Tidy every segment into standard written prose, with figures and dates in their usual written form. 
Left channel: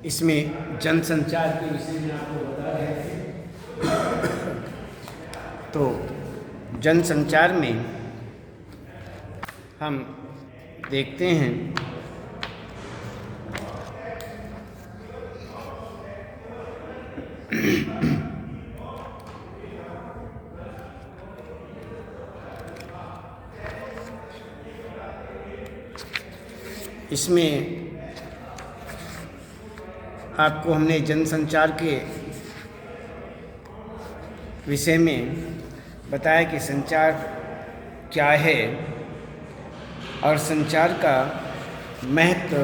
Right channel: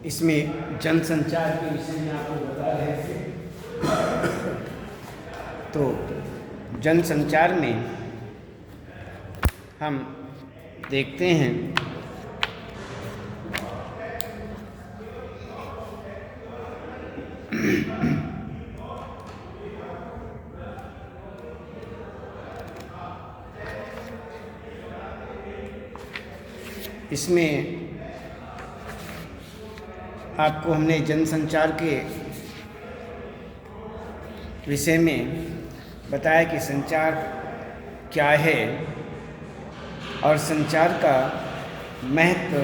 इसमें जनसंचार के विषय में आपको बता रहे थे। तो जनसंचार में हम देखते हैं इसमें आपको हमने जनसंचार के विषय में बताया कि संचार क्या है और संचार का महत्व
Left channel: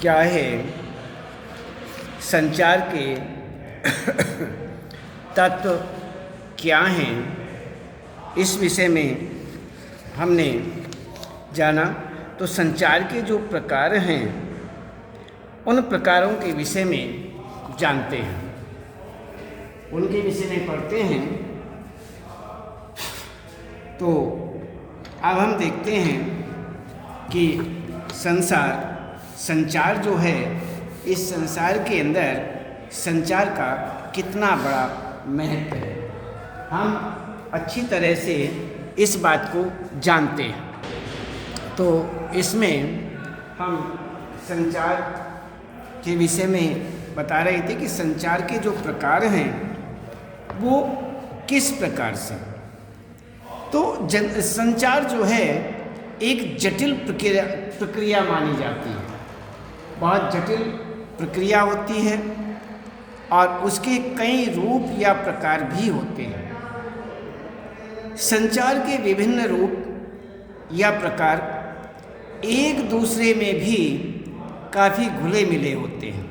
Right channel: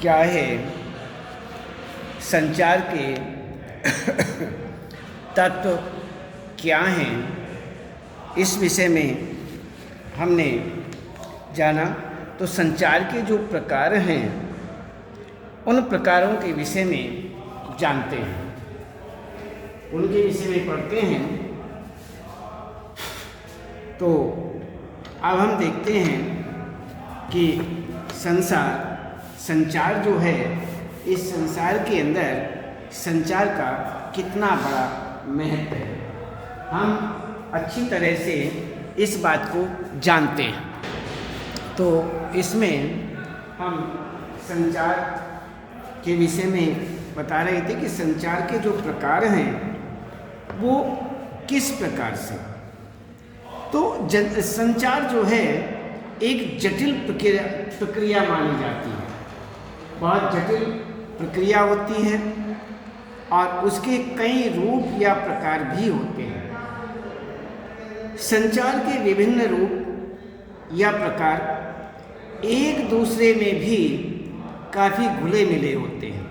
क्या है, संचार के तत्व क्या हैं, इस विषय में हमने जाना। तो संचार के जो प्रकार हैं उन प्रकारों के विषय में जानते हैं, उनके विषय में पढ़ते हैं। तो अब हम देखते हैं कि संचार जो है, इस संसार के अंदर संचार का कितना बड़ा महत्व है, हम अच्छी तरह से इस बात को जानते हैं। तो इसमें हम संचार के विषय में बता रहे थे कि संचार के जो प्रकार हैं वो किस प्रकार से। तो संचार जो है एक जटिल प्रक्रिया मानी जाती है, बहुत जटिल प्रक्रिया होती है और उसके कई रूप या प्रकार भी होते हैं। संचार के विभिन्न रूप या प्रकार एक दूसरे में भी काफ़ी घुले मिले होते हैं,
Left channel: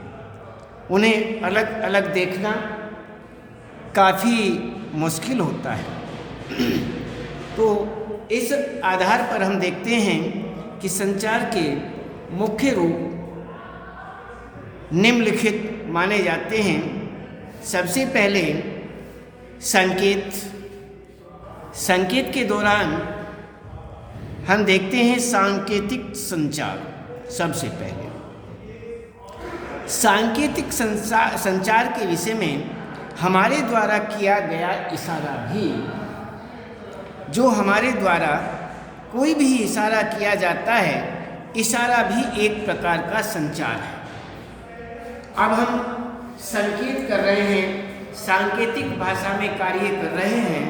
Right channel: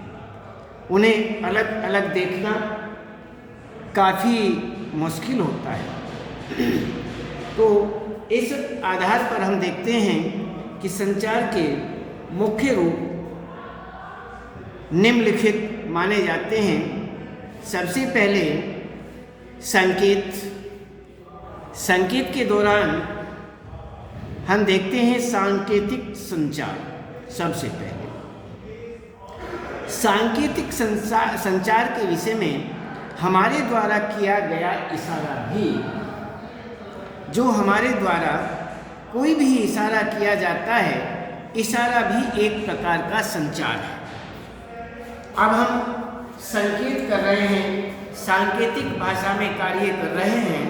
उन्हें अलग अलग देखना काफ़ी मुश्किल होता है। तो इस आधार पर हम देखते हैं कि संचार के मुख्य रूप निम्नलिखित माने जाते हैं। सबसे पहले संकेत के दौरान हम देखते हैं सांकेतिक संचार। सबसे पहले सांकेतिक संचार के विषय में हमारे द्वारा किया गया इशारा भी, जो हमारे द्वारा कोई भी इशारा किया जाता है, इशारा भी एक प्रकार का संचार है। अब हम संकेत कर रहे हैं, सांकेतिक भाषा में कार्य कर रहे हैं,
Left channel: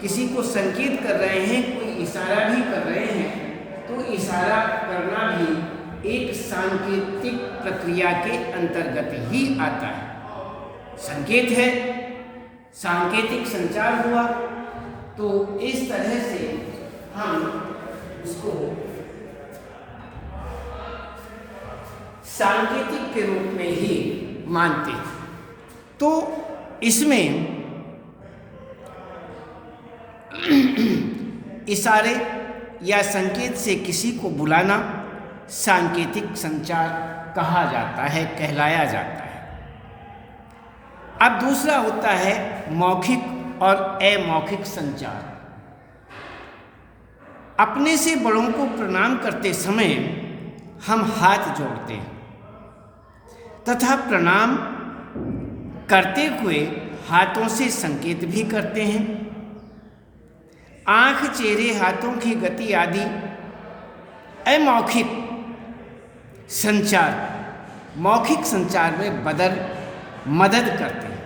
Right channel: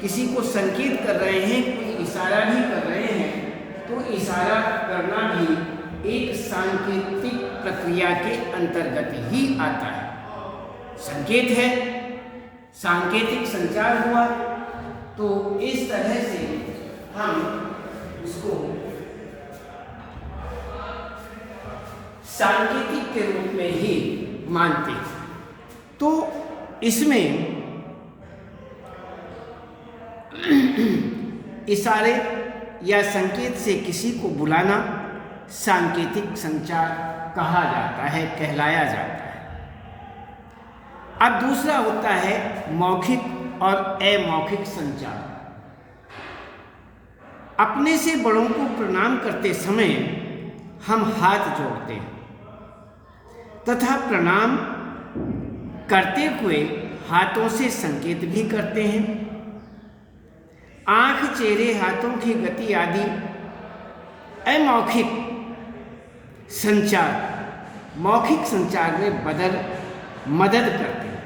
किसी को संकेत कर रहे हैं, कोई इशारा भी कर रहे हैं, तो इशारा करना भी एक सांकेतिक प्रक्रिया के अंतर्गत ही आता है। संकेत है, सांकेतिक संचार हुआ, तो इस तरह से हम इसको सांकेतिक के रूप में ही मानते हैं। तो इसमें इशारे या संकेत से किसी को बुलाना सांकेतिक संचार कहा जाता है, कहलाया जाता है। अब दूसरा होता है मौखिक और अमौखिक संचार। अपने से बड़ों को प्रणाम करते समय हम हाथ जोड़ते हैं तथा प्रणाम करते हुए हाथों से संकेत भी करते हैं। आँख, चेहरे, हाथों की गति आदि अमौखिक संचार मौखिक संचार में मदद करते हैं।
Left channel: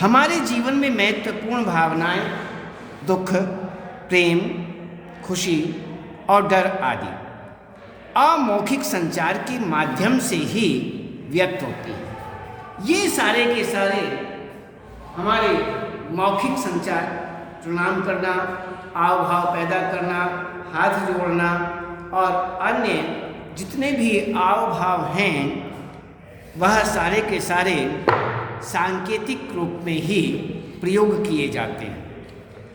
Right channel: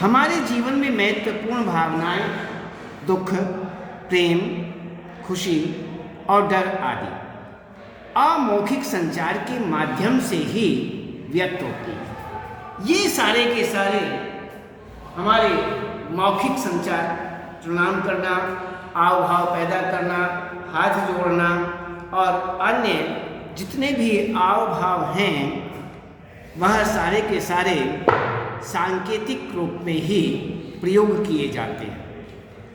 हमारे जीवन में महत्वपूर्ण भावनाएं, दुख, प्रेम, खुशी और डर आदि अमौखिक संचार के माध्यम से ही व्यक्त होती है। ये सारे के सारे हमारे मौखिक संचार, प्रणाम करना, आव भाव पैदा करना, हाथ जोड़ना और अन्य जितने भी आव भाव हैं, वह सारे के सारे सांकेतिक रूप में ही प्रयोग किए जाते हैं।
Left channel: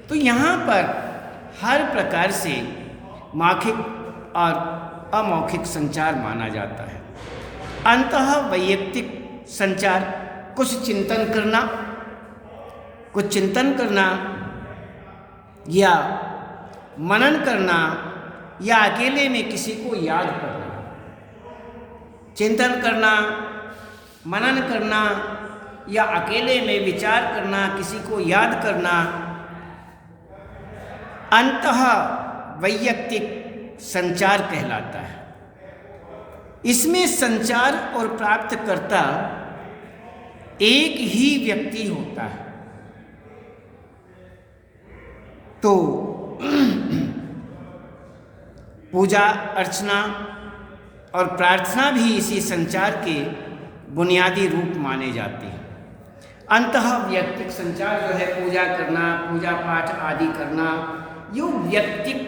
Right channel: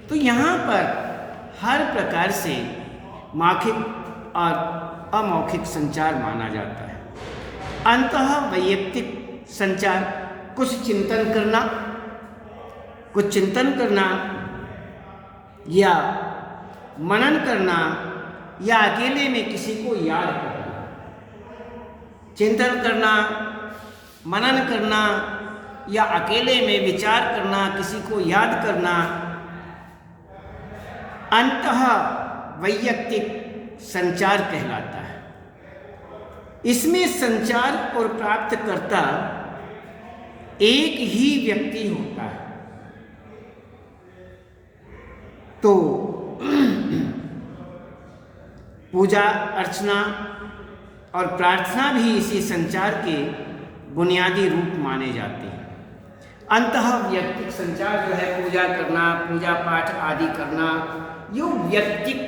तो यहाँ पर हर प्रकार से मौखिक और अमौखिक संचार माना जाता है। अंतः वैयक्तिक संचार कुछ चिंतन करना या मनन करना या अकेले में किसी को याद करना, चिंतन करना, मनन करना या अकेले में विचार करना, किसी को याद करना, अंतः वैयक्तिक संचार कहलाता है। इसमें संचार और प्राप्तकर्ता एक ही व्यक्ति होता है। तो पूजा अर्चना और प्रार्थना भी इसी संचार के बुनियादी रूप माने जाते हैं। अंतः वैयक्तिक संचार जो है, पूजा करना, पूजा पाठ आदि करना, यो व्यक्तिक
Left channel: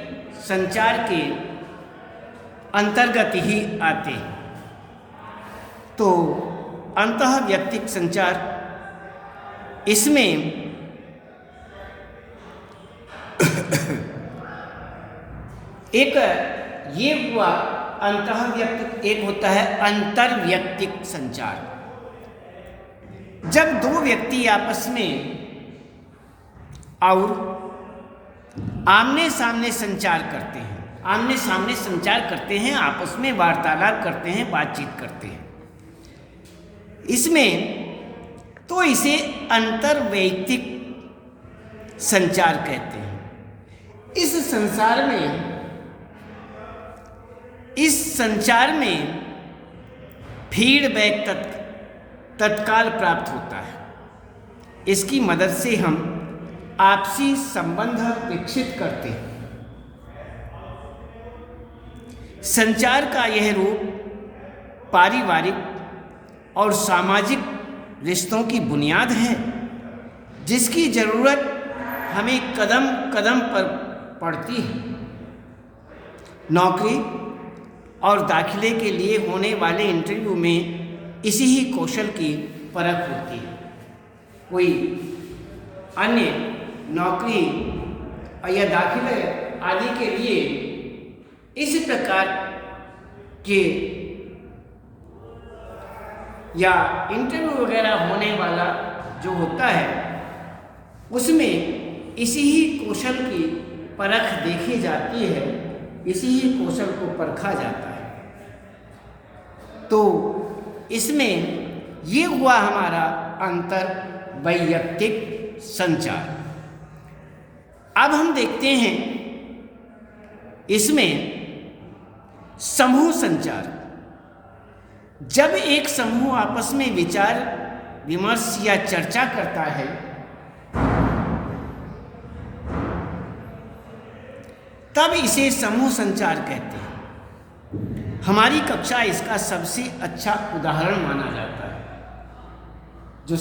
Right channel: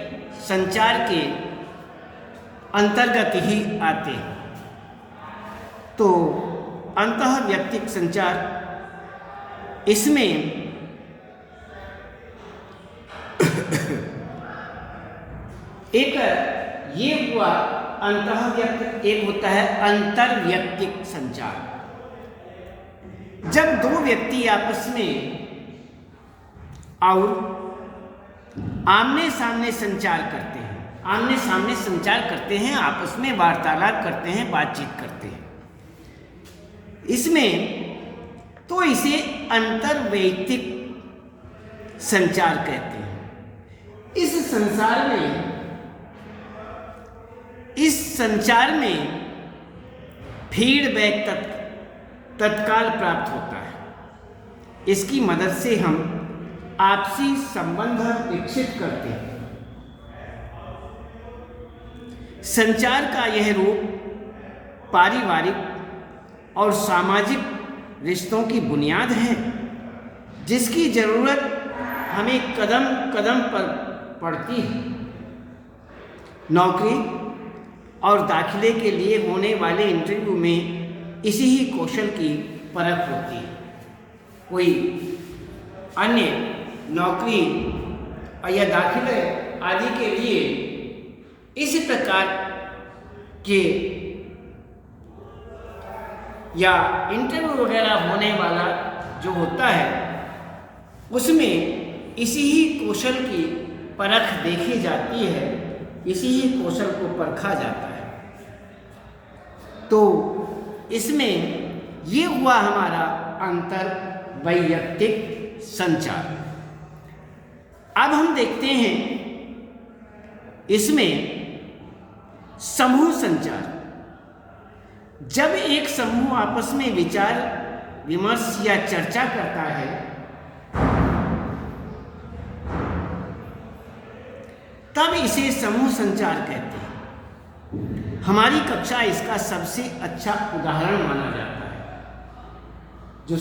संचार के अंतर्गत ही आते हैं। तो अंतः वैयक्तिक संचार, इसमें एक ये हुआ अंतः वैयक्तिक, एक होता है अंतर्वैयक्तिक संचार। जब दो व्यक्ति आपस में और आमने सामने संचार करते हैं, आमने सामने संचार करते हैं, आपस में वार्तालाप करते हैं, बातचीत करते हैं, इसमें तो इसे अंतर्वैयक्तिक संचार कहते हैं। इस संचार में फीडबैक तत्काल प्राप्त होता है। इसकी मदद से हम आपसी संबंध विकसित करते हैं। संचार का यह रूप पारिवारिक और सामाजिक रिश्तों की बुनियाद है, जिसकी जरूरत हमें कदम कदम पर पड़ती है। नौकरी और दाखिले के लिए होने वाले इंटरव्यू में इसी ही कौशल की परख होती है। कोई अन्य नौकरी या दाखिले आदि के लिए इस प्रकार के या इंटरव्यू वगैरह होने वाला जो होता है, उसमें इसी ही कौशल की परख देखी जाती है, इसी ही कौशल को परखा जाता है। तो इसमें ये हुआ हमारा अंतर्वैयक्तिक संचार। अब हम देखते हैं इसमें समूह संचार। जब एक समूह आपस में विचार विमर्श या चर्चा करता है, तब इसे समूह संचार कहते हैं। हमारी कक्षा इसका सबसे अच्छा उदाहरण माना जाता है। जो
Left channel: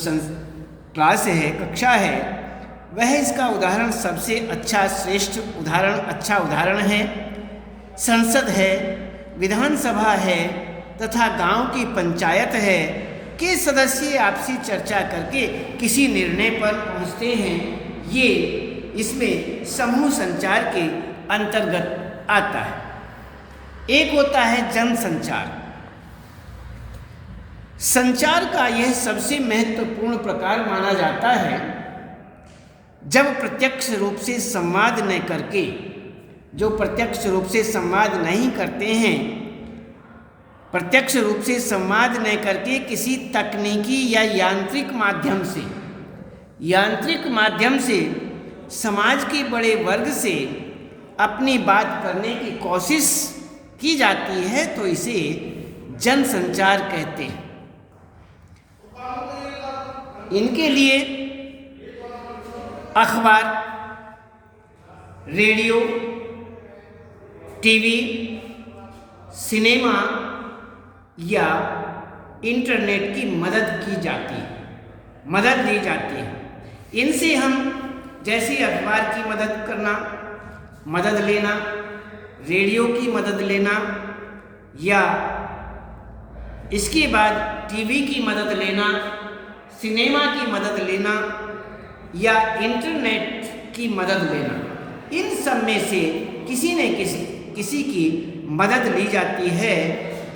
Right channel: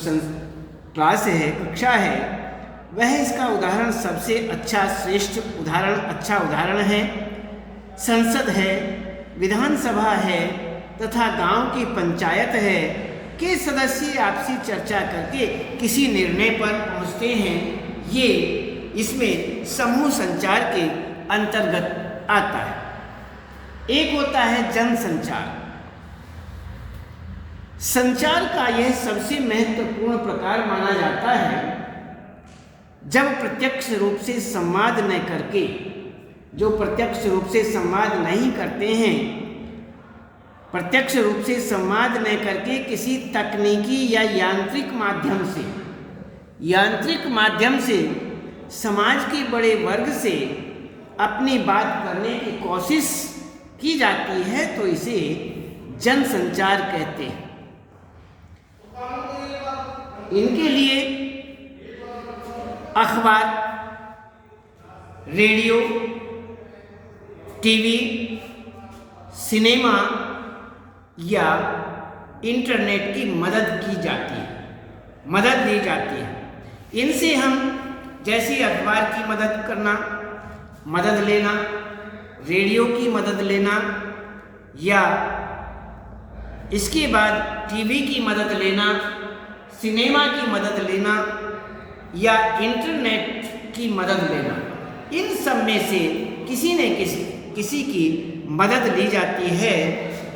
क्लास है, कक्षा है, वह इसका उदाहरण सबसे अच्छा, श्रेष्ठ उदाहरण, अच्छा उदाहरण है। संसद है, विधानसभा है तथा गांव की पंचायत है के सदस्य आपसी चर्चा करके किसी निर्णय पर पहुंचते हैं। ये इसमें समूह संचार के अंतर्गत आता है। एक होता है जन संचार। संचार का यह सबसे महत्वपूर्ण प्रकार माना जाता है जब प्रत्यक्ष रूप से संवाद न करके, जो प्रत्यक्ष रूप से संवाद नहीं करते हैं, प्रत्यक्ष रूप से संवाद न करके किसी तकनीकी या यांत्रिक माध्यम से समाज के बड़े वर्ग से अपनी बात करने की कोशिश की जाती है, तो इसे जन संचार कहते हैं। इनके लिए अखबार, रेडियो, टीवी, सिनेमा या इंटरनेट की मदद ली जाती है। इनसे हम जैसे अखबार की मदद लेना, रेडियो की मदद लेना, या इसके बाद टीवी की मदद लेना, सिनेमा की मदद लेना या इंटरनेट की मदद लेना, इन सब में से किसी न किसी की मदद ली जाती है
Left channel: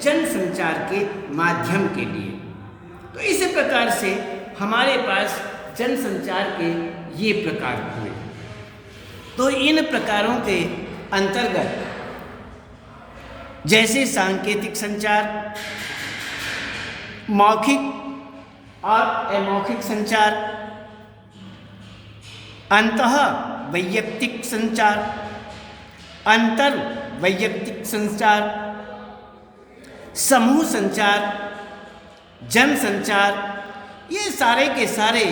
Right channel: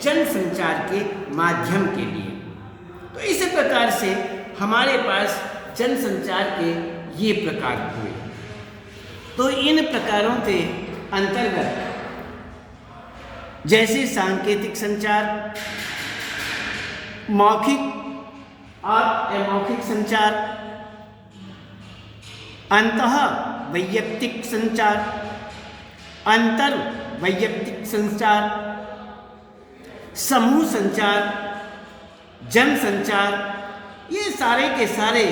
जन संचार के माध्यम के लिए। तो इस प्रकार से हमारे पास जन संचार के ये प्रकार हुए। तो इन प्रकारों के अंतर्गत जैसे सांकेतिक संचार, मौखिक और अमौखिक संचार, अंतः वैयक्तिक संचार, अंतर वैयक्तिक संचार, समूह संचार, जन संचार, ये सारे के सारे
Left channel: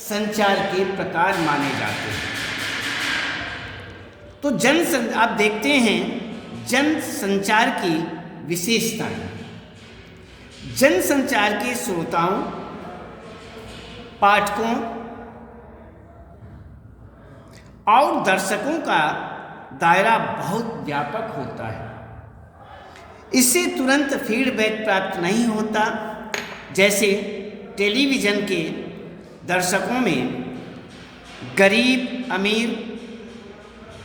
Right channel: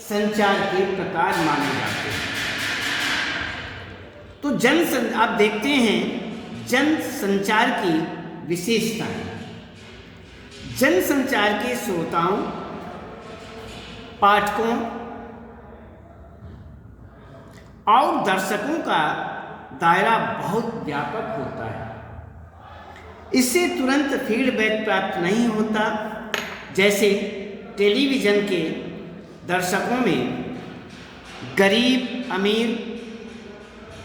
संचार के प्रकार माने जाते हैं। तो आप देखते हैं जन संचार की विशेषताएं। जन संचार के श्रोताओं, पाठकों और दर्शकों का दायरा बहुत व्यापक होता है। इससे तुरंत फीडबैक प्राप्त नहीं होता। जैसे टेलीविज़न के दर्शकों में गरीब अमीर,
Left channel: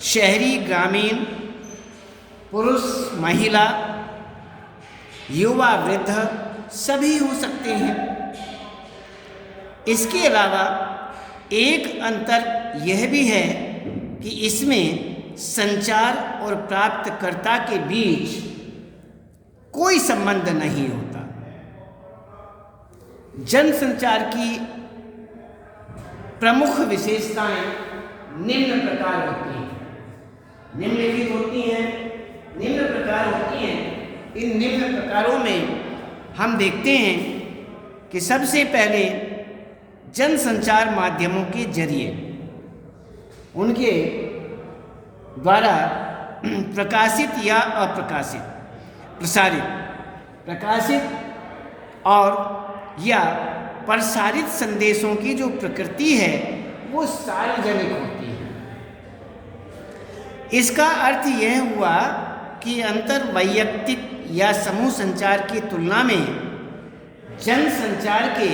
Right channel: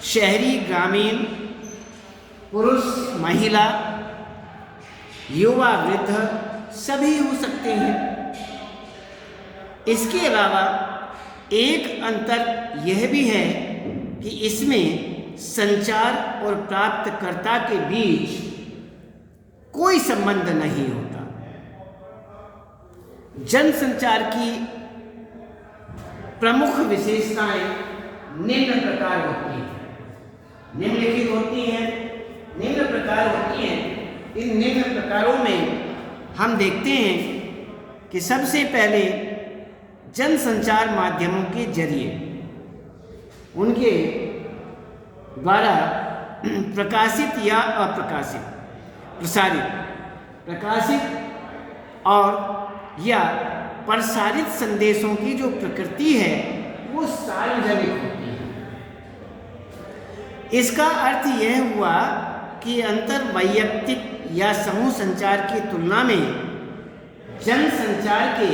शहरी ग्रामीण, पुरुष महिला, युवा वृद्ध सभी हो सकते हैं। इसके अलावा एक अंतर यह भी है कि इसमें संचार और प्राप्तकर्ता के बीच कोई संबंध नहीं होता। जनसंचार की प्रमुख विशेषताएं निम्न प्रकार होती हैं, निम्नलिखित होती हैं, निम्न प्रकार होती हैं। इन निम्न प्रकारों में हम देखते हैं कि सबसे पहले जनसंचार माध्यमों के जरिए उनके द्वारा प्रकाशित या अप्रकाशित, प्रकाशित और या प्रसारित संदेशों की जो प्रकृति है वो सार्वजनिक होती है। इसका अर्थ यह हुआ कि अंतर वैयक्तिक या समूह संचार की तुलना में जन संचार के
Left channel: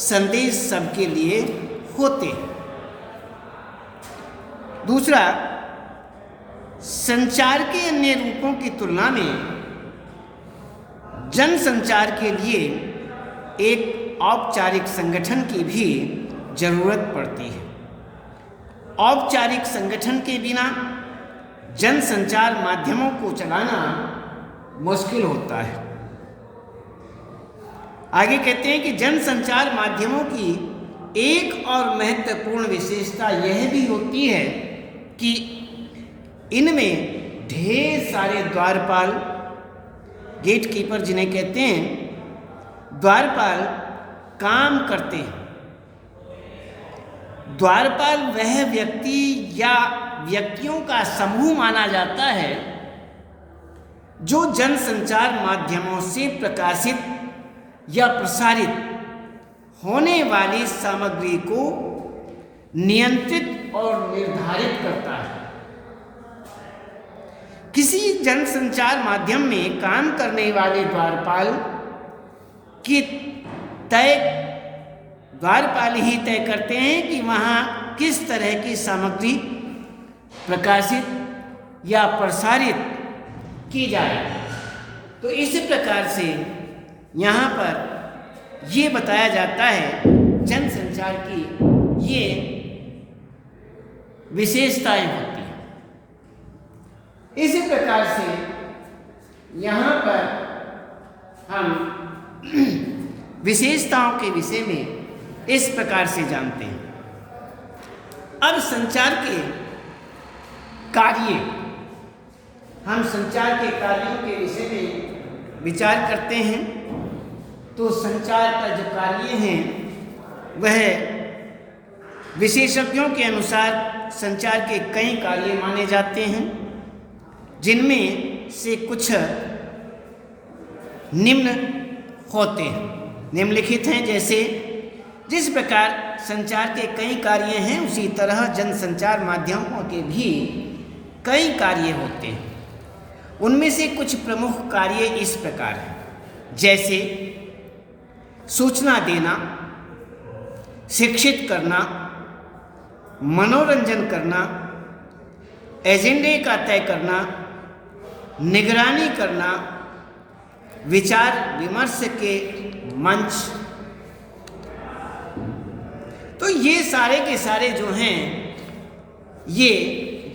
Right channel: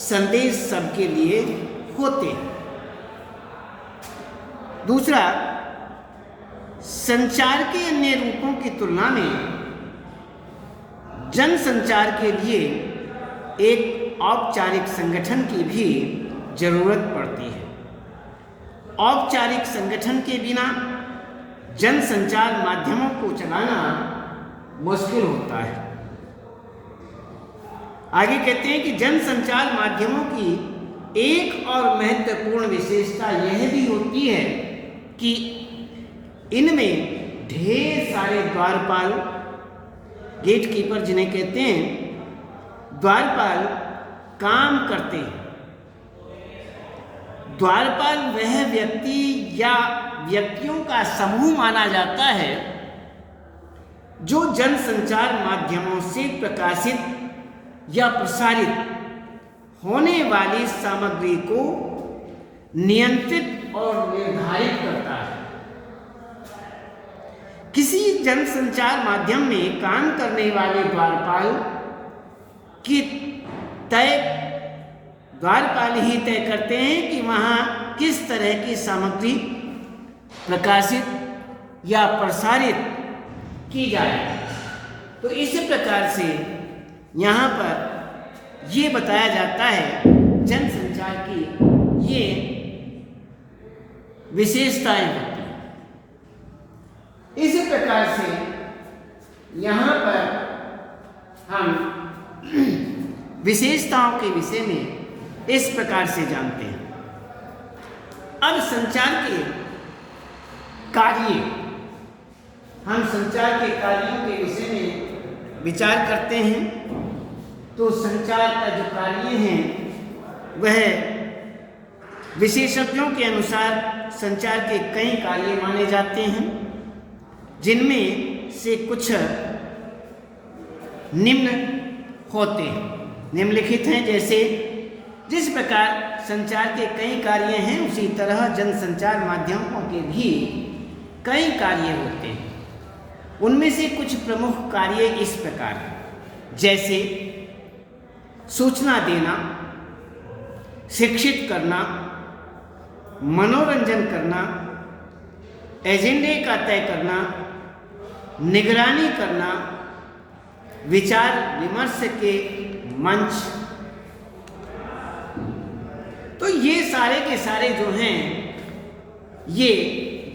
संदेश सबके लिए होते हैं। दूसरा, संचार के अन्य रूपों की तुलना में जन संचार के लिए एक औपचारिक संगठन की भी जरूरत पड़ती है। औपचारिक संगठन के बिना जन संचार माध्यमों को चलाना मुश्किल होता है। आगे कहते हैं कि जन संचार माध्यमों की एक और महत्वपूर्ण विशेषता यह भी होती है कि इनमें ढेर सारे द्वारपाल, गेटकीपर जिन्हें कहते हैं, द्वारपाल काम करते हैं। द्वारपाल वह व्यक्ति या व्यक्तियों का समूह माना जाता है जो जनसंचार माध्यमों से प्रकाशित या प्रसारित होने वाली सामग्री को नियंत्रित और निर्धारित करता है। किसी जनसंचार माध्यम में काम करने वाले द्वारपाल की द्वारपाल ही तय करते हैं कि वहाँ किस तरह की सामग्री प्रकाशित या प्रसारित की जाए। तो इस प्रकार से यहाँ पर ये बताया जाता है जनसंचार की ये विशेषताएं होती हैं। इसी प्रकार से यहाँ पर हम विशेषताओं के विषय में इस प्रकार से जानते हैं। अब संचार के कार्य, हम संचार के कार्यों के विषय में विचार करते हैं। तो संचार का जो कार्य है वह विशेषज्ञों के अनुसार संचार के कई कार्य माने जाते हैं, जिनमें से कुछ निम्न होते हैं, निम्नलिखित हैं। जैसे जिस प्रकार संचार के कई कार्य हैं उसी तरह जनसंचार माध्यमों के भी कई कार्य होते हैं। उनमें से कुछ प्रमुख कार्य इस प्रकार हैं, जैसे सूचना देना, शिक्षित करना, मनोरंजन करना, एजेंडे का तय करना, निगरानी करना, विचार विमर्श के मंच। तो ये सारे के सारे जो हैं ये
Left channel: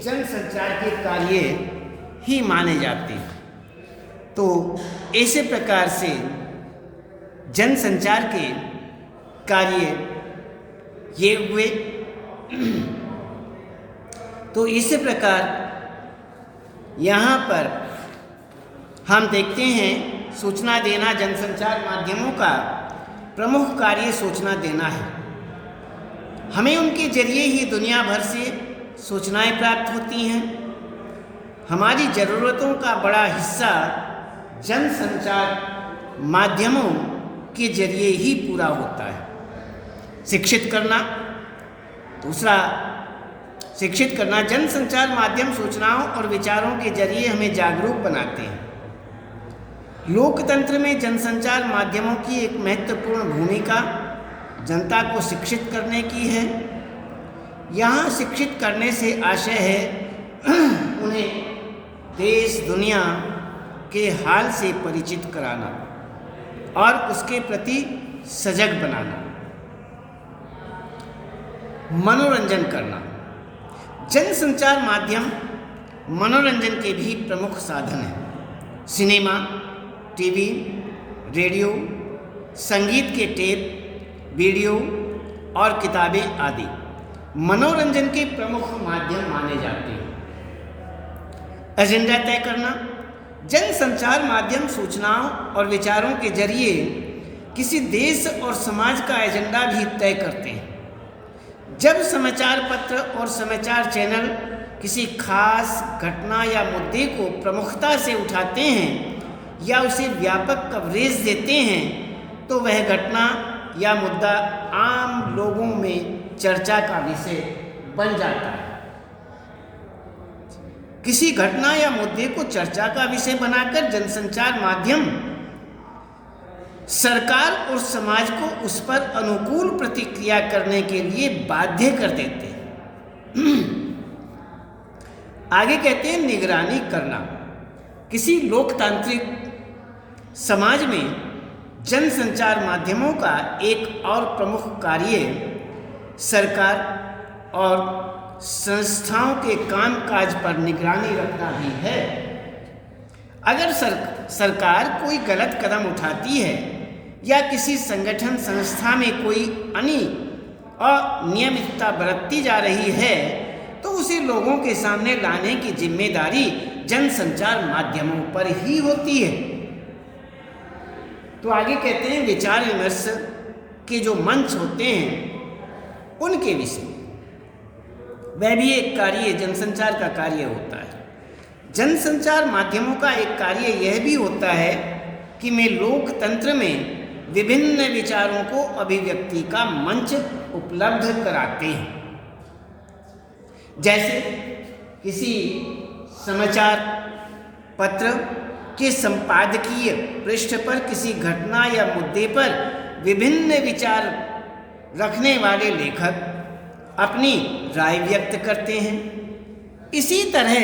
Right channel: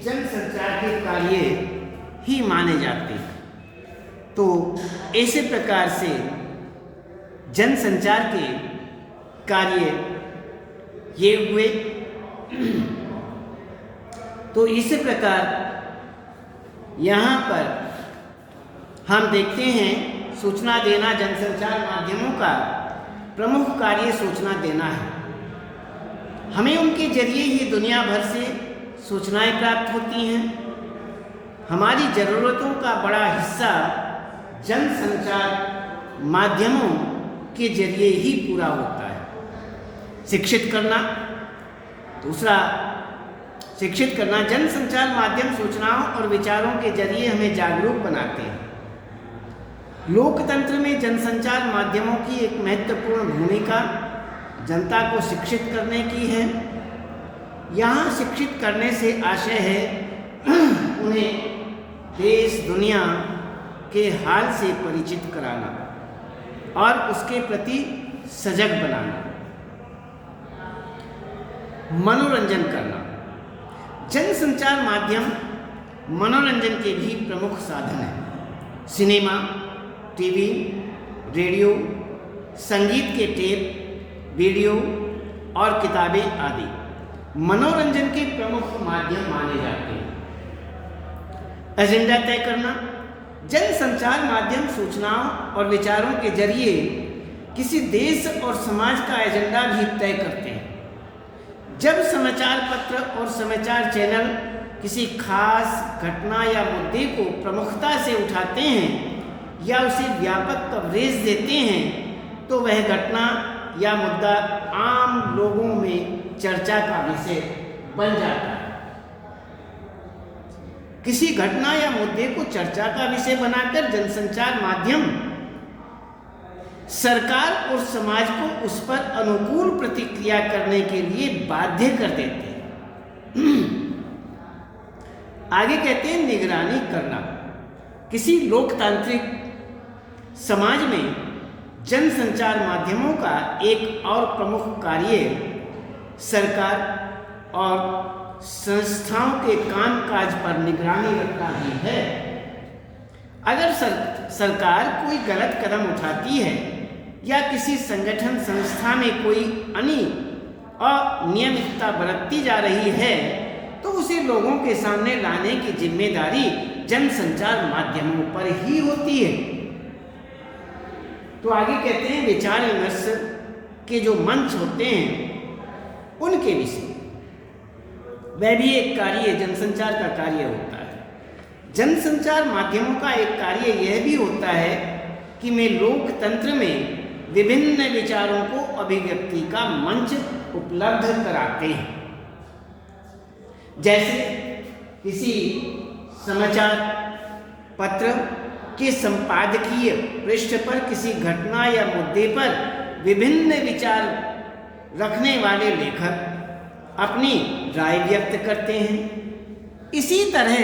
जनसंचार के कार्य ही माने जाते हैं। तो इसी प्रकार से जनसंचार के कार्य ये हुए। तो इसी प्रकार यहाँ पर हम देखते हैं सूचना देना जनसंचार माध्यमों का प्रमुख कार्य सूचना देना है। हमें उनके जरिए ही दुनिया भर से सूचनाएं प्राप्त होती हैं। हमारी ज़रूरतों का बड़ा हिस्सा जनसंचार माध्यमों के जरिए ही पूरा होता है। शिक्षित करना, दूसरा शिक्षित करना, जनसंचार माध्यम सूचनाओं और विचारों के जरिए हमें जागरूक बनाते हैं। लोकतंत्र में जनसंचार माध्यमों की एक महत्वपूर्ण भूमिका जनता को शिक्षित करने की है। यहाँ शिक्षित करने से आशय है उन्हें देश दुनिया के हाल से परिचित कराना और उसके प्रति सजग बनाना। मनोरंजन करना, जनसंचार माध्यम मनोरंजन के भी प्रमुख साधन हैं। सिनेमा, टीवी, रेडियो, संगीत के टेप, वीडियो और किताबें आदि मनोरंजन के प्रमुख माध्यम माने जाते हैं। एजेंडा तय करना, जनसंचार माध्यम सूचनाओं और विचारों के जरिए किसी देश और समाज का एजेंडा भी तय करते हैं। जब समाचार पत्र और समाचार चैनल किसी खास घटना या मुद्दे को प्रमुखता से उठाते हैं या उसे व्यापक कवरेज देते हैं तो वह घटना या मुद्दा आम लोगों में चर्चा का विषय बन जाता है। किसी घटना या मुद्दे को चर्चा का विषय बनाकर जनसंचार माध्यम सरकार और समाज को उस पर अनुकूल प्रतिक्रिया करने के लिए बाध्य कर देते हैं। आगे कहते हैं निगरानी करना। किसी लोकतांत्रिक समाज में जनसंचार माध्यमों का एक और प्रमुख कार्य सरकार और संस्थाओं के कामकाज पर निगरानी रखना भी है। अगर सरकार कोई गलत कदम उठाती है या किसी संगठन संस्था में कोई अनियमितता बरतती जा रही है तो उसे लोगों के सामने लाने की जिम्मेदारी जनसंचार माध्यमों पर ही होती है। तो आगे कहते हैं विचार विमर्श के जो मंच होते हैं उनके विषय, वह भी एक कार्य जनसंचार का कार्य होता है। जनसंचार माध्यमों का एक कार्य यह भी होता है कि वे लोकतंत्र में विभिन्न विचारों को अभिव्यक्ति का मंच उपलब्ध कराते हैं। जैसे किसी समाचार पत्र के संपादकीय पृष्ठ पर किसी घटना या मुद्दे पर विभिन्न विचार रखने वाले लेखक अपनी राय व्यक्त करते हैं। इसी तरह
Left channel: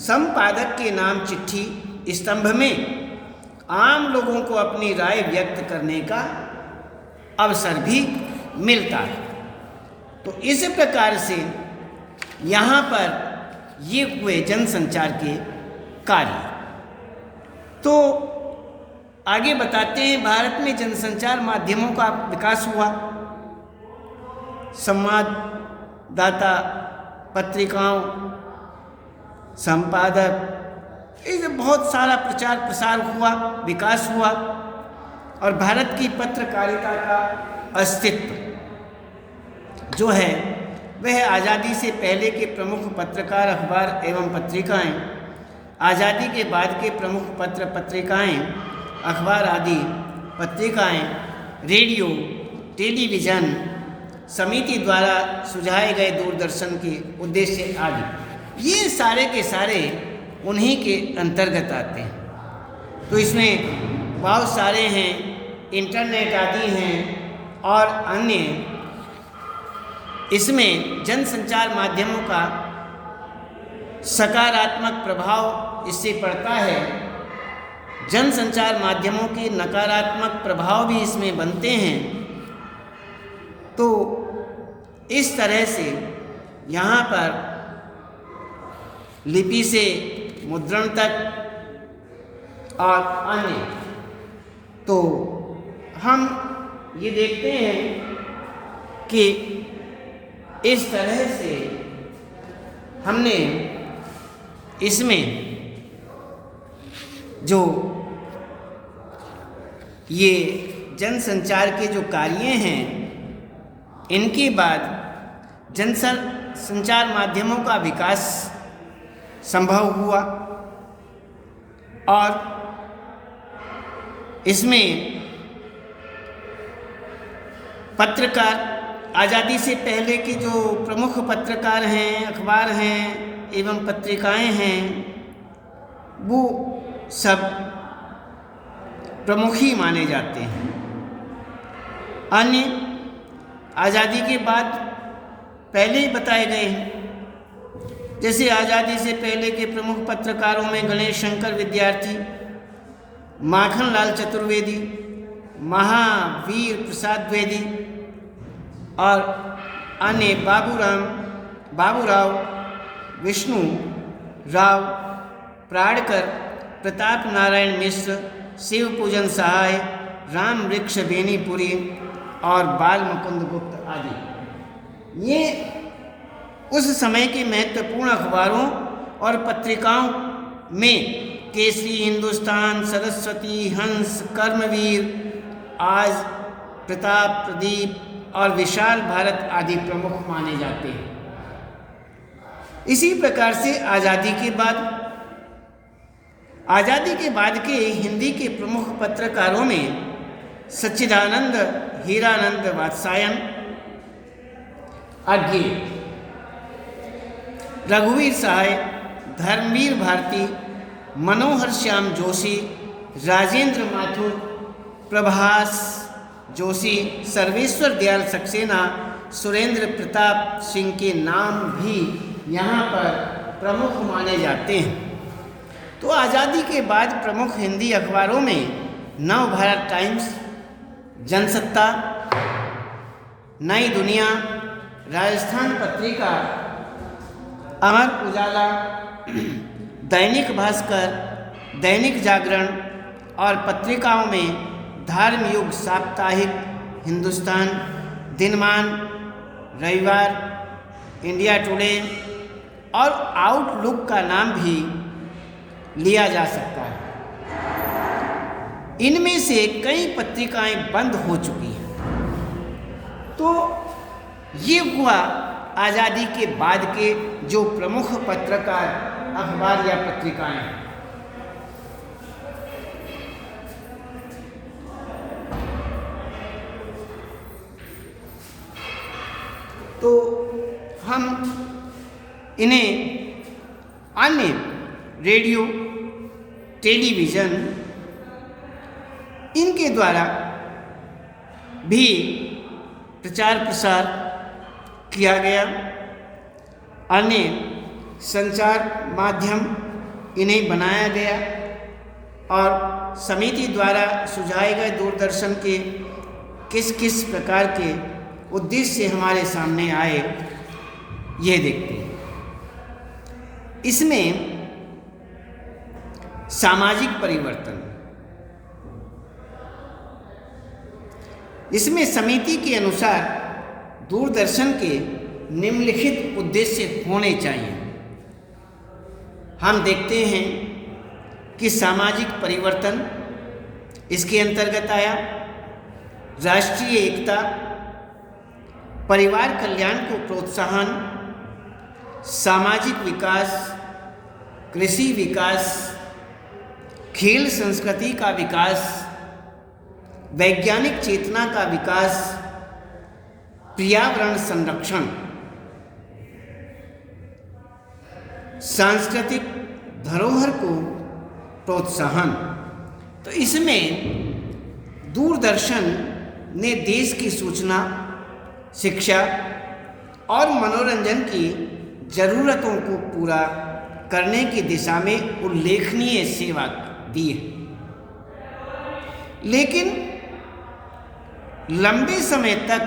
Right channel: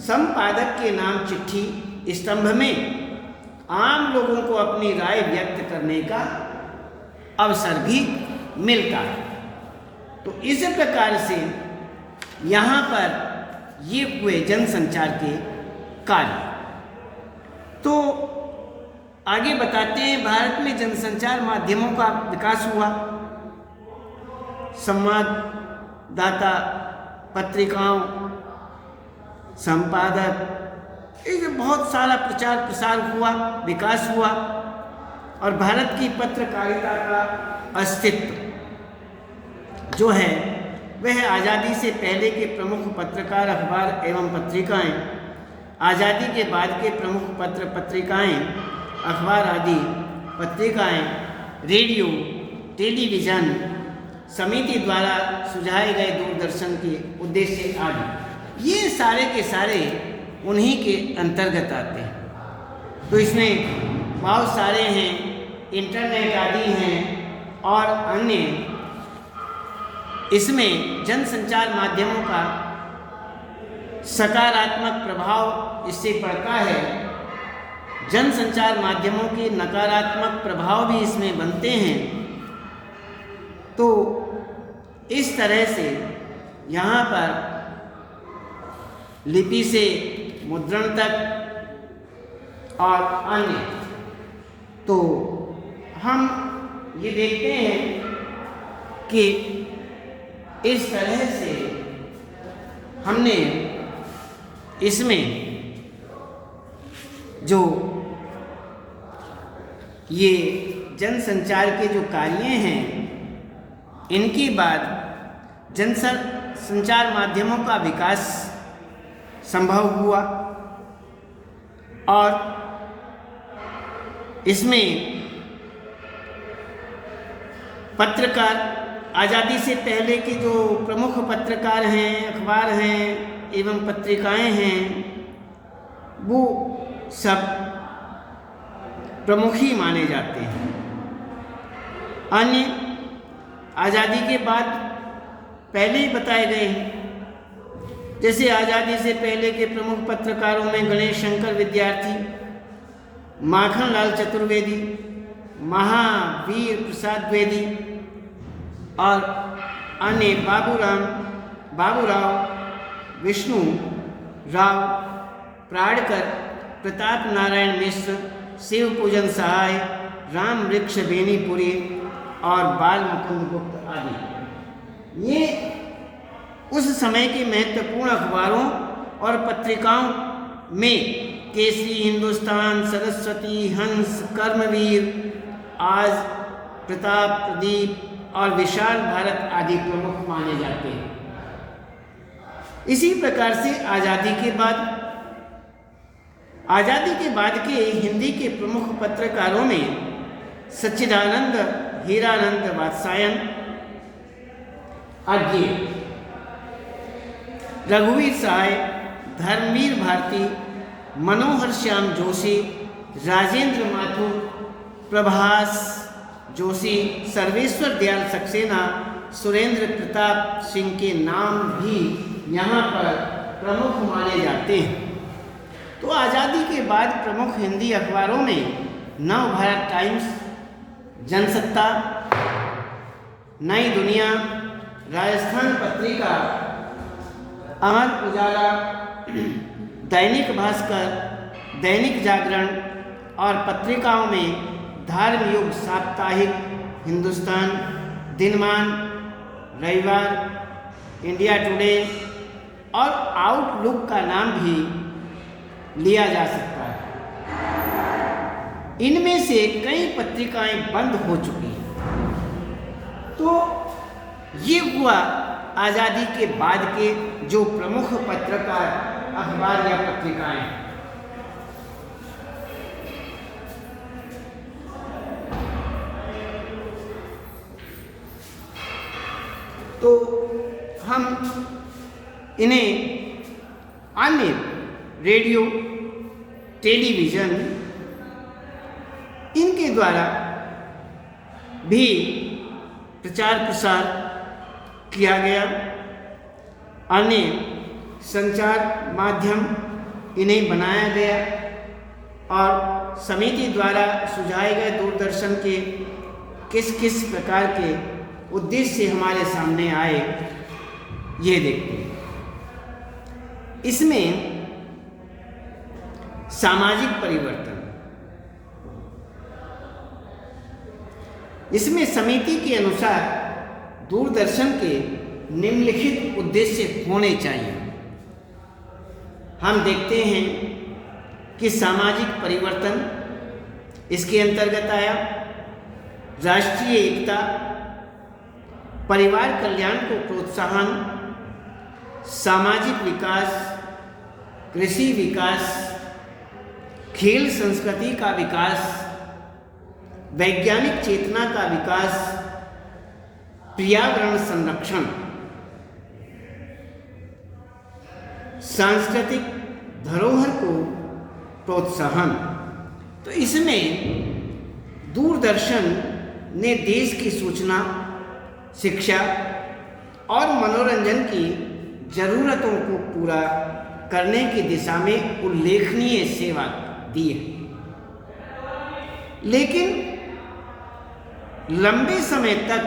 संपादक के नाम चिट्ठी स्तंभ में आम लोगों को अपनी राय व्यक्त करने का अवसर भी मिलता है। तो इस प्रकार से यहाँ पर ये हुए जनसंचार के कार्य। तो आगे बताते हैं भारत में जनसंचार माध्यमों का विकास हुआ। संवाददाता, पत्रिकाओं, संपादक, ये बहुत सारा प्रचार प्रसार हुआ, विकास हुआ और भारत की पत्रकारिता का अस्तित्व जो है वह आज़ादी से पहले के प्रमुख पत्रकार, अखबार एवं पत्रिकाएं, आज़ादी के बाद के प्रमुख पत्र पत्रिकाएं, अखबार आदि पत्रिकाएं, रेडियो, टेलीविज़न, समिति द्वारा सुझाए गए दूरदर्शन के उद्देश्य आदि, ये सारे के सारे उन्हीं के अंतर्गत आते हैं। तो इसमें बहुत सारे हैं, इंटरनेट आदि हैं और अन्य। इसमें जनसंचार माध्यमों का सकारात्मक प्रभाव इससे पड़ता है, जनसंचार माध्यमों के नकारात्मक प्रभाव भी इसमें बनते हैं। तो इस तरह से यहाँ पर लिपि से मुद्रण तक और अन्य तो हम ये देखते हैं कि इस तरह से हमने इसमें जो ये जनसंचार के जो कार्य हैं, इनके बाद जनसंचार माध्यमों का विकास संभव हुआ और इसमें पत्रकार, आज़ादी से पहले के जो प्रमुख पत्रकार हैं, अखबार हैं एवं पत्रिकाएं हैं, वो सब प्रमुख ही माने जाते हैं। अन्य आज़ादी के बाद पहले ही बताए गए हैं। जैसे आज़ादी से पहले के प्रमुख पत्रकारों में गणेश शंकर विद्यार्थी, माखनलाल चतुर्वेदी, महावीर प्रसाद द्विवेदी और अन्य बाबूराव, विष्णु राव प्राणकर, प्रताप नारायण मिश्र, शिव पूजन सहाय, राम वृक्ष बेनीपुरी और बाल मुकुंद गुप्त आदि। ये उस समय के महत्वपूर्ण अखबारों और पत्रिकाओं में केसरी हिंदुस्तान, सरस्वती, हंस, कर्मवीर, आज, प्रताप, प्रदीप और विशाल भारत आदि प्रमुख माने जाते हैं। इसी प्रकार से आज़ादी के बाद के हिंदी के प्रमुख पत्रकारों में सच्चिदानंद, हीरानंद वात्स्यायन, अर्घ्य, रघुवीर सहाय, धर्मवीर भारती, मनोहर श्याम जोशी, राजेंद्र माथुर, प्रभास जोशी, सर्वेश्वर दयाल सक्सेना, सुरेंद्र प्रताप सिंह के नाम भी यहाँ पर प्रमुख माने जाते हैं। तो आज़ादी के बाद प्रमुख हिंदी अखबारों में नव भारत टाइम्स, जनसत्ता, नई दुनिया, राजस्थान पत्रिका, अमर उजाला, दैनिक भास्कर, दैनिक जागरण और पत्रिकाओं में धर्मयुग, साप्ताहिक, हिंदुस्तान, दिनमान, रविवार, इंडिया टुडे और आउटलुक का नाम भी लिया जा सकता है। इनमें से कई पत्रिकाएं बंद हो चुकी हैं। तो ये हुआ आज़ादी के बाद के जो प्रमुख पत्रकार, अखबार या पत्रिकाएं हैं। तो हम इन्हें अन्य रेडियो, टेलीविज़न, इनके द्वारा भी प्रचार प्रसार किया गया। अन्य संचार माध्यम इन्हें बनाया गया और समिति द्वारा सुझाए गए दूरदर्शन के किस किस प्रकार के उद्देश्य हमारे सामने आए, ये देखते हैं। इसमें सामाजिक परिवर्तन, इसमें समिति के अनुसार दूरदर्शन के निम्नलिखित उद्देश्य होने चाहिए। हम देखते हैं कि सामाजिक परिवर्तन इसके अंतर्गत आया। राष्ट्रीय एकता, परिवार कल्याण को प्रोत्साहन, सामाजिक विकास, कृषि विकास, खेल संस्कृति का विकास, वैज्ञानिक चेतना का विकास, पर्यावरण संरक्षण, सांस्कृतिक धरोहर को प्रोत्साहन। तो इसमें दूरदर्शन ने देश की सूचना, शिक्षा और मनोरंजन की ज़रूरतों को पूरा करने की दिशा में उल्लेखनीय सेवा दी है। लेकिन लंबे समय तक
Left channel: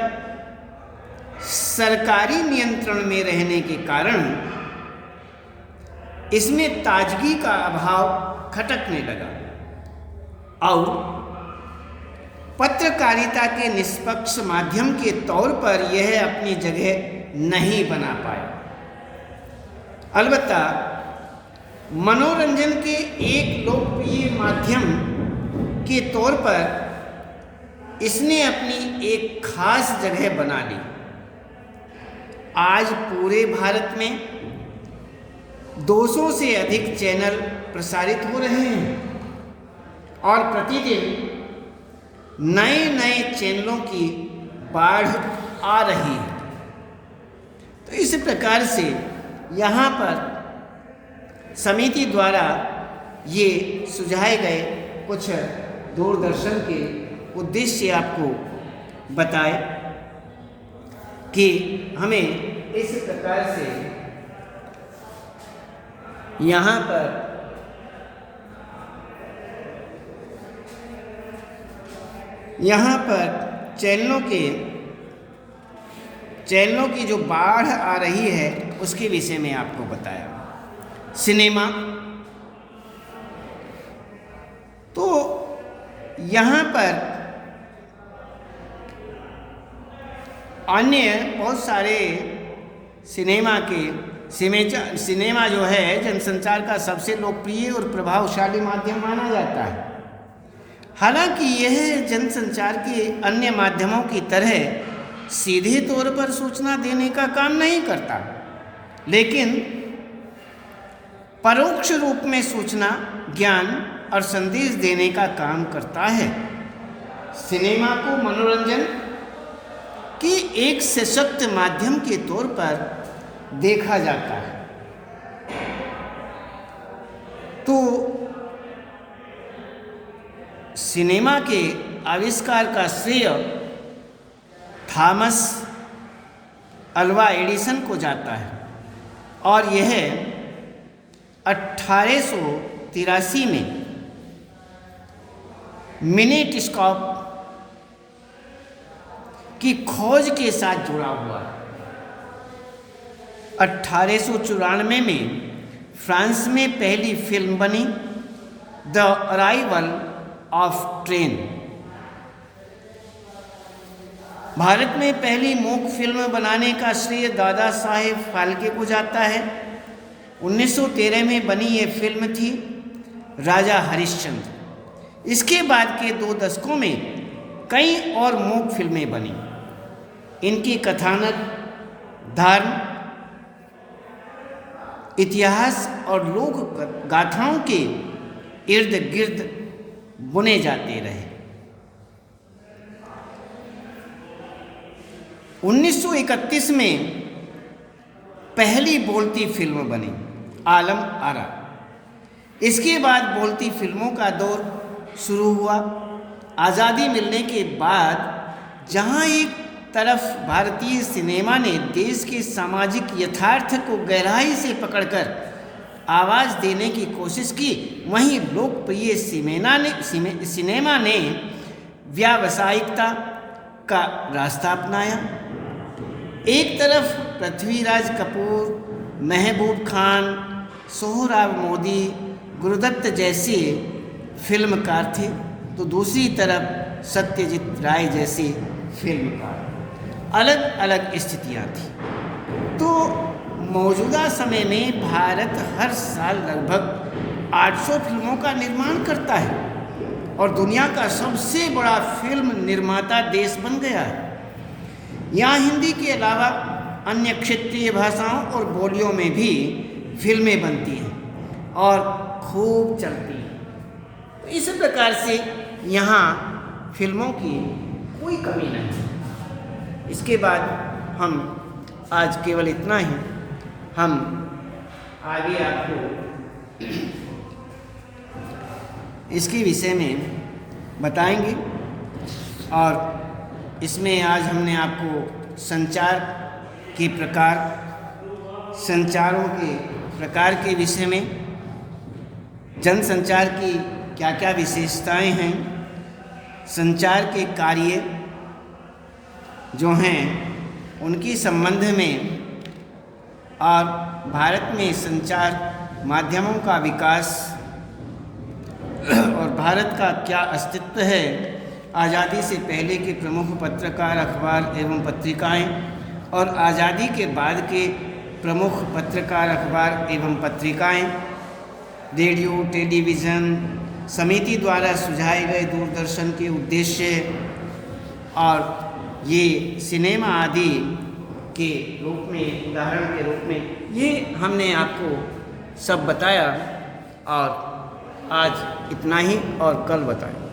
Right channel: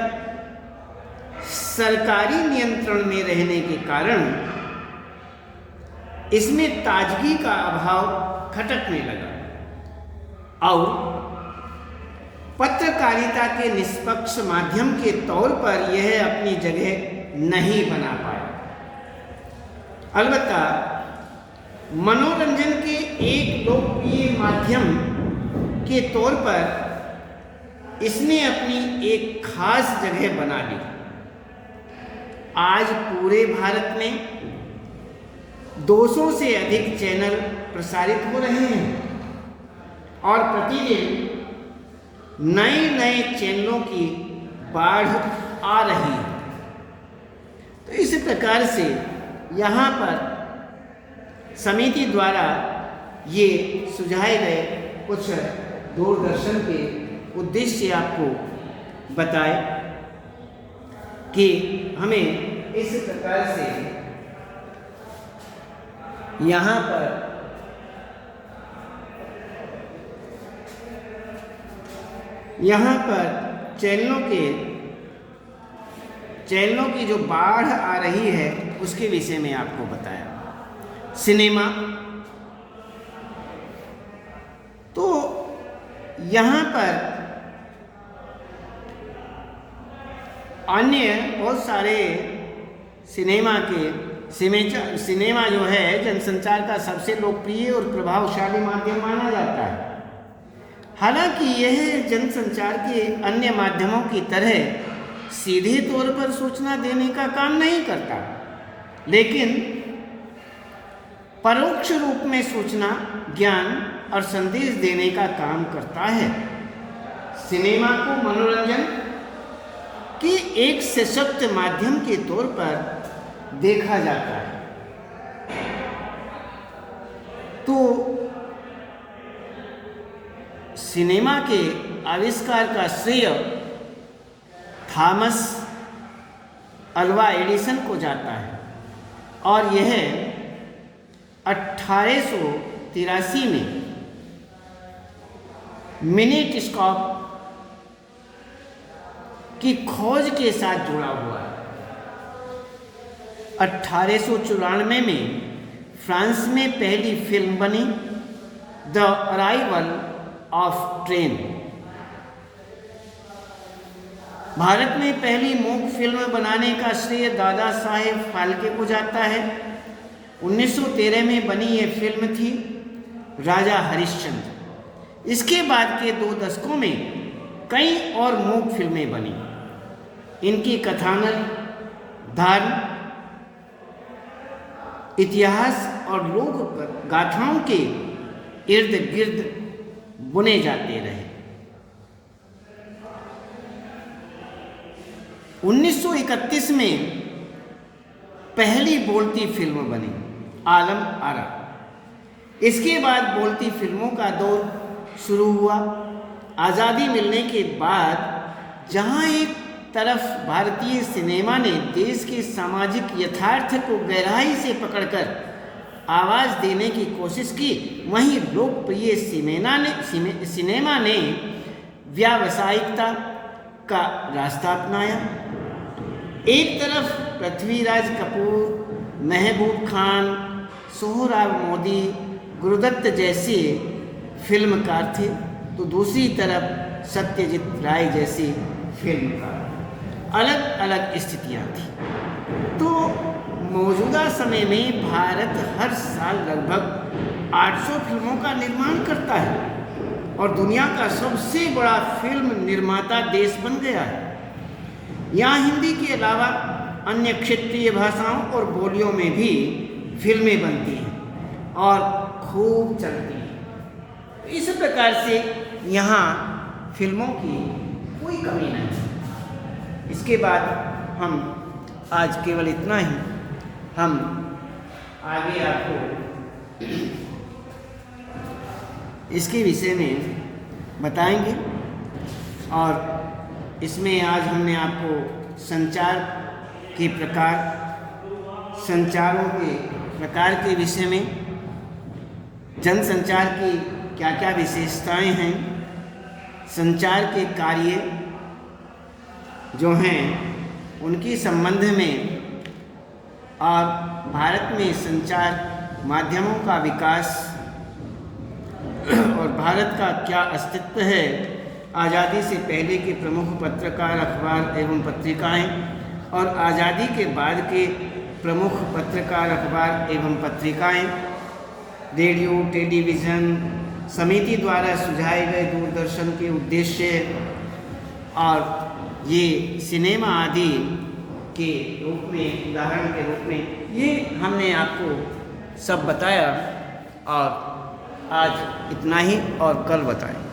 सरकारी नियंत्रण में रहने के कारण इसमें ताजगी का अभाव खटकने लगा और पत्रकारिता के निष्पक्ष माध्यम के तौर पर यह अपनी जगह नहीं बना पाया। अलबत्ता मनोरंजन के एक लोकप्रिय माध्यम के तौर पर इसने अपनी एक खास जगह बना ली। आज पूरे भारत में 200 से अधिक चैनल प्रसारित हो रहे हैं और प्रतिदिन नए नए चैनलों की बाढ़ आ रही है। तो इस प्रकार से यहाँ पर समिति द्वारा ये सुझाए गए कुछ दूरदर्शन के उद्देश्य आपको बताए कि हमें इस प्रकार से यहाँ पर चैनलों की जो बाढ़ आ रही है उसके विषय में आपको बताया। सिनेमा, तो यहाँ पर अन्य बहुत सारे सिनेमा जो है जनसंचार का सबसे लोकप्रिय और प्रभावशाली माध्यम माना जाता है। हालांकि यह जनसंचार के अन्य माध्यमों की तरह सीधे तौर पर सूचना देने का काम नहीं करता, लेकिन परोक्ष रूप में सूचना, ज्ञान और संदेश देने का काम करता है। सिनेमा को मनोरंजन के एक सशक्त माध्यम के तौर पर देखा जाता है। तो सिनेमा के आविष्कार का श्रेय थॉमस अल्वा एडिसन को जाता है और यह 1883 में मिनेटिस्कोप की खोज के साथ जुड़ा हुआ है। 1894 में फ्रांस में पहली फिल्म बनी the arrival of train. Bharat में पहली मूक फिल्म बनाने का श्रेय दादा साहेब फाल्के को जाता है। 1913 में बनी यह फिल्म थी राजा हरिश्चंद्र। इसके बाद के 2 दशकों में कई और मूक फिल्में बनी। इनकी कथानक, धर्म, इतिहास और लोक गाथाओं के इर्द गिर्द बुने जाते रहे। 1931 में पहली बोलती फिल्म बनी आलम आरा। इसके बाद बोलती फिल्मों का दौर शुरू हुआ। आज़ादी मिलने के बाद जहां एक तरफ भारतीय सिनेमा ने देश के सामाजिक यथार्थ को गहराई से पकड़कर आवाज़ देने की कोशिश की, वहीं लोकप्रिय सिनेमा ने व्यावसायिकता का रास्ता अपनाया। एक तरफ पृथ्वीराज कपूर, महबूब खान, सोहराब मोदी, गुरुदत्त जैसे फिल्मकार थे, तो दूसरी तरफ सत्यजीत राय जैसे फिल्मकार। अलग अलग स्थितियाँ थी। तो मौजूदा समय में भारत हर साल लगभग 800 फिल्मों का निर्माण करता है और दुनिया का सबसे बड़ा फिल्म निर्माता देश बन गया है। यहाँ हिंदी के अलावा अन्य क्षेत्रीय भाषाओं और बोलियों में भी फिल्में बनती हैं और खूब चलती हैं। इस प्रकार से यहाँ फिल्मों की कोई कमी नहीं। इसके बाद हम आज केवल इतना ही, हम आगे आपको इसके विषय में बताएंगे। और इसमें आज हमने आपको संचार के प्रकार, संचारों के प्रकार के विषय में, जनसंचार की क्या क्या विशेषताएं हैं, संचार के कार्य जो हैं उनकी संबंध में, और भारत में संचार माध्यमों का विकास और भारत का क्या अस्तित्व है आज़ादी से पहले के प्रमुख पत्रकार, अखबार एवं पत्रिकाएं और आज़ादी के बाद के प्रमुख पत्रकार, अखबार एवं पत्रिकाएं, रेडियो, टेलीविज़न समिति द्वारा सुझाए गए दूरदर्शन के उद्देश्य और ये सिनेमा आदि के रूप में, उदाहरण के रूप में, ये हमने आपको सब बताया और आज इतना ही और कल बताएं।